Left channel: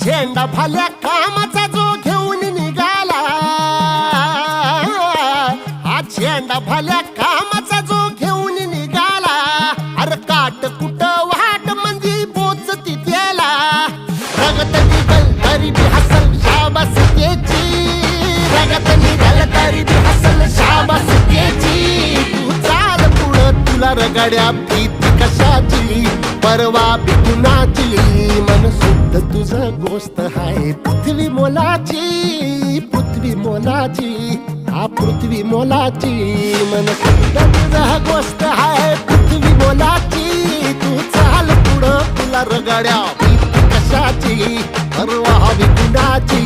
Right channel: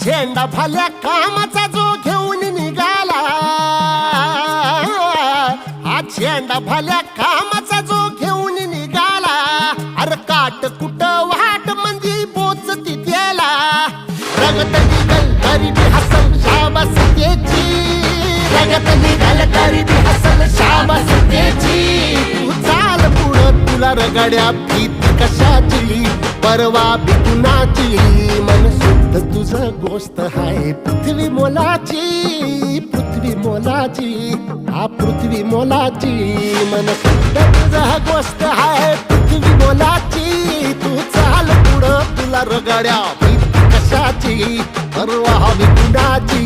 झेंडा भाल्या कामाचा जो घेऊन निघाला, हा झेंडा भाल्या कामाचा जो घेऊन निघाला, अरे काट कुट वाट म्हणजे बोच तिथेला, रगत निघल तरी बी हसल शाबास त्याची, रगत निघल तरी बी हसल शाबास त्याची. तू चाल पुढं तुला रगड्या भीती कशाची, परवा बी कुणाची, मन शुद्ध तुझं गोष्ट हाय पृथ्वी मोलाची, पृथ्वी मोलाची, हा पृथ्वी मोलाची, मन शुद्ध तुझं गोष्ट हाय पृथ्वी मोलाची. तू चाल पुढं तुला रगड्या भीती कशाची, परवा बी कुणाची.